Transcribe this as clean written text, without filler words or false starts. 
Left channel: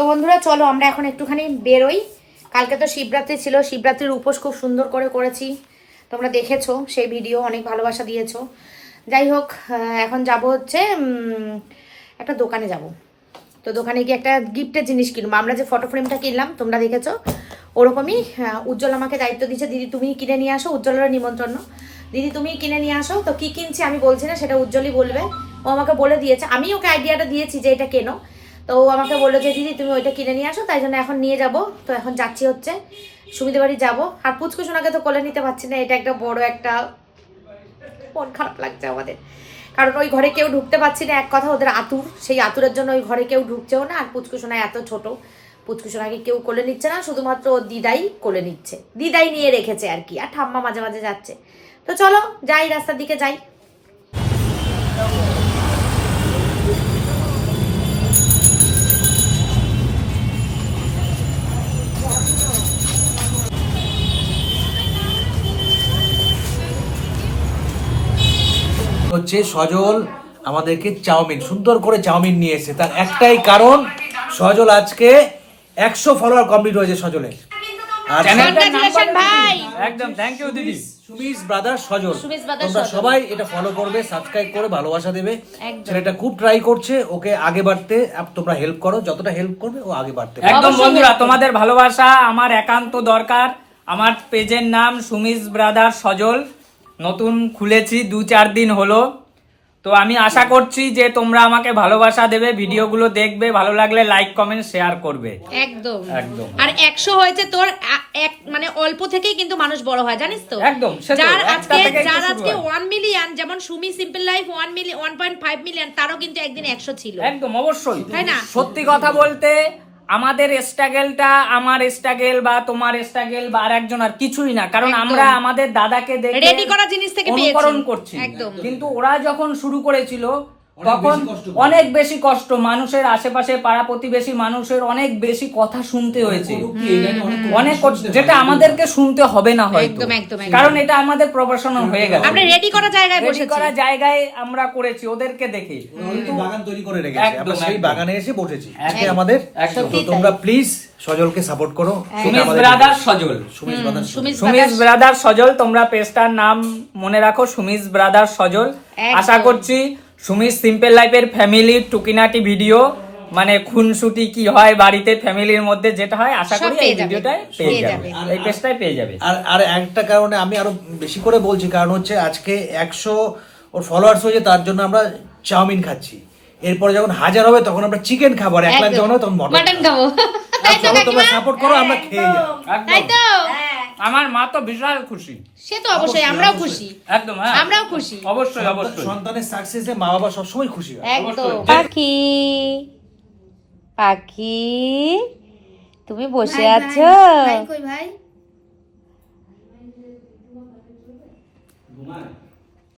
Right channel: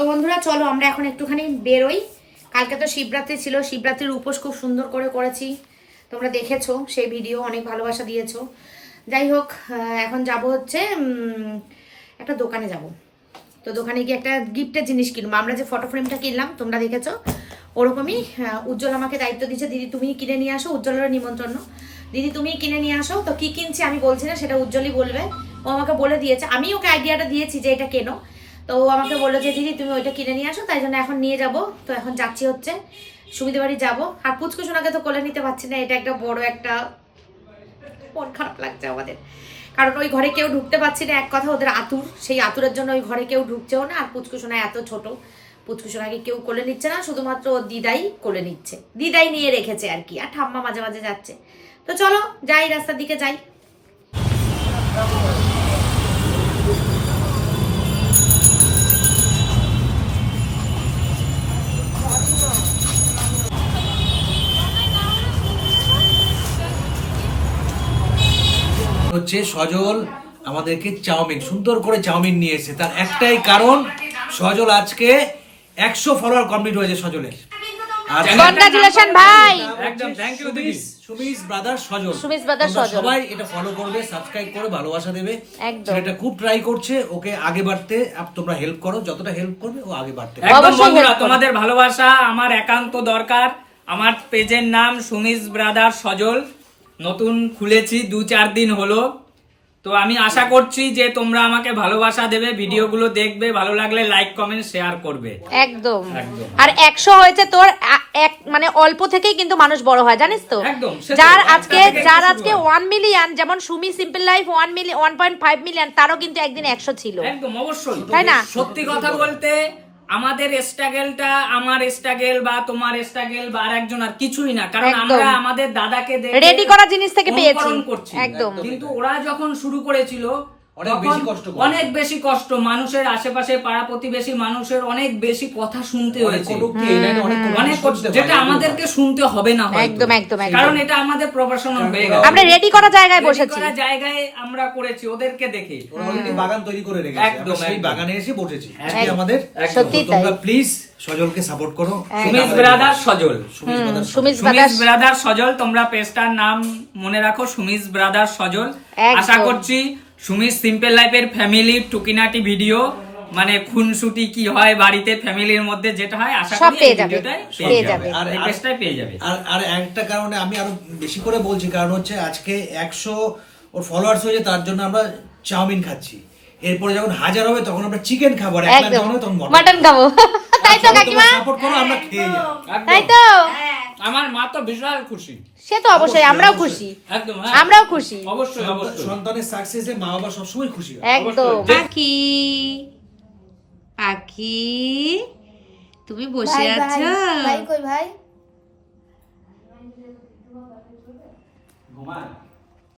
তো বন্ধুরা চলো আমরা এখন একটুখানি বেরোই। কালকে তো শিবরাত্রি ছিল, শিবরাত্রির উপোস খুব সুন্দর করে করেছি, তোমরা দেখেছো সেই ভিডিও, অনেক ভালোবাসা দিয়েছো। যাই হোক, এখন যাব হচ্ছে একটা দোকানে যাব। তো দোকানে গিয়ে একটা গিফটের জিনিস কিনবো। আমরা যে ফটো ফ্রেমটা কিনলাম তোমরা দেখেছো, ওরকমই উজ্জ্বল আমাকে দায়িত্ব দিয়েছে, দিদি তুমি কিনে নিয়ে আসো, উজ্জ্বলের নিমন্ত্রণ, দিদি তুমি কিনে নিয়ে আসো। তো কি কিনছি আমি বলছি না, সেটা উজ্জ্বলই বলবে। ও আমাকে বলে দিয়েছে, আমি ওকে আইডিয়াটা দিয়েছি যে এটা কেনো, তো ও আমাকে বললো যে দিদি তুমি ওইটা কিনে নিয়ে আসো, তাই জন্য এখন নিয়ে যাব। তো এখন যাচ্ছি হচ্ছে সুবিধে বাড়ি যাবো। আর পুচকু সোনাকে তো কোলে নিতে পারছি না, এটা একটা বড় একটা মন খারাপ লাগছে আমাদের, কারণ ওই ঘরে কেউ ঢুকতে পারছি না। এক কথা ওদের আতুর, সেই আতুরের জন্য ওই ঘরে কেউ ঢুকছেও না। আর পুচকু সোনা এত ছোট, পুচকু সোনাকে কেউ কোলে নিচ্ছে না, শুধুমাত্র ও দিদাই কোলে নিচ্ছে, দিদাই নিয়ে রেখেছে আর কি, আর ঠাম্মা মাঝে মাঝে যাচ্ছে। তো চলো যাই, রাস্তার দিকে যাই। হচ্ছে সজল আমাদেরকে চাউমিন, সুন্দর করে চাউমিন নিয়ে এসেছে। তার একটাই কারণ, সজল আজকে 100 ফলোয়ার কমপ্লিট হয়েছে সজলের। আর কংগ্রাচুলেশন ভাই, একদম থ্যাংক ইউ দিদি। সুমিস ব্রাদার সজল, সুমিস ব্রাদার তোমরা সজল। সবাই এটা ফলো করবে, সাবস্ক্রাইব করে ভালোবাসা দেবে। একদম। ছেলেটা খুব ট্রাই করছে, ওকে আগে বাড়তে তোমরা হেল্প করো, যতটা হেল্প করবে ও আগে বাড়তে পারবে। একদম অবশ্যই বন্ধুরা, help করো। তোমাদের ভালোবাসা আমার একান্ত দরকার। আমার পেজের নাম সুমিস ব্রাদার সজল, নতুন খুলেছি 2-4 দিন হলো। তো আমি আশা করছি যে তোমরা আমাকে ভালোবাসা দেবে, ভিডিওগুলো দেখবে, ভালো লাগলে লাইক কমেন্ট শেয়ার করবে। একদম একদম। আর 100 হয়েছে তোর, এক মানে অল্প থেকেই কিন্তু মানুষ বড় হয়, জানিস তো। একদম, সে তো, যার একটা আজকে থেকে একটু যার শুরু আজকে হয়। 1 মিলিয়ন, যেমন সুমি সিম্পল লাইফ 1.5 মিলিয়ন, তারও কিন্তু একদিন 100 ছিল। একদম অবশ্যই, তাই না? সত্যি কথা বলতে আমাদের স্ট্রাগলটা, আমার স্ট্রাগল বা তোমার স্ট্রাগল বা আর একজন আর কিছুই না, কারণ একদম। আমরা আমাদের দাদাকে দেখে রেডি করা জিনিস থেকে পেয়েছি। অনুকরণ করছি। একদম। কিন্তু ওরা যখন শুরু করেছিল অনেক তখন বেশি কষ্ট করে। অনেক বেশি কষ্ট, মানুষের আশেপাশে পাড়া প্রতিবেশী মানুষের অনেক বেশি কথা শুনতে হয়েছে, অনেক কষ্ট, যেটা আমাদেরকে শুনতে হবে না হয়তো, একদম, একদম, একদম। কারণ এটা আমাদের প্রফেশনাল হয়ে গেছে। আমরা রেডি করা জায়গায় Ready বসেছি। করা জায়গায় আমরা করেছি ওদেরকে দেখে। অলরেডি বাগান তৈরি করে রেখেছে, একদম, আমরা সেই একদম। বাগানে এসে বসেছি আজকে আমাদের। সত্যি তো তোমরা প্লিজ সজলকে সাপোর্ট করো। সুমিস ব্রাদার সজল, সুমিস ব্রাদার সুমিস সুমিস ব্রাদার সজল, তোমরা পেজটার নাম মনে রাখো, সুমিস ব্রাদার সজল। একদম। আশা করছি সুমিস সিম্পল লাইফের ফ্যামিলির টুকিনাটি ভিডিও, মানে খুনসুটি কি হয় বাড়িতে ফ্যামিলির মধ্যে যেটা হয়, আশা সব করি পেয়ে এই যাবে, ভিডিওটাই পেয়ে পেয়ে যাবে। যাবে, এই পেজটাই পেয়ে যাবে। আর আর একটা কারণে আমি আরো বেশি করে বলছি, কারণ হচ্ছে আজকে 100 ওর ফলোয়ার্স হয়েছে, তার জন্য আমরা চাউমিন খাচ্ছি। এরপরে যখন 1000 হবে তখন আমরা চিকেন খাবো, আর 1 লাখ যখন হবে তখন মাটন খাবো। তাই তো তোমরা কাকিমা, সাপোর্ট করো, আমরা খেয়ে যাবো। তাই একদম, তো। আমার মা তো বিশাল খুশি। সে তো অবশ্যই, আমরাও অবশ্যই। খুশি, একদম, হ্যাঁ, আমরাও খুশি। অবশ্যই অবশ্যই। সন্তানের সাকসেসে মা বাবা সবসময় খুশি হয়। একদম। অবশ্যই। পাখি, পাখি তুমি বসে আছো? ভাই কই ভাই?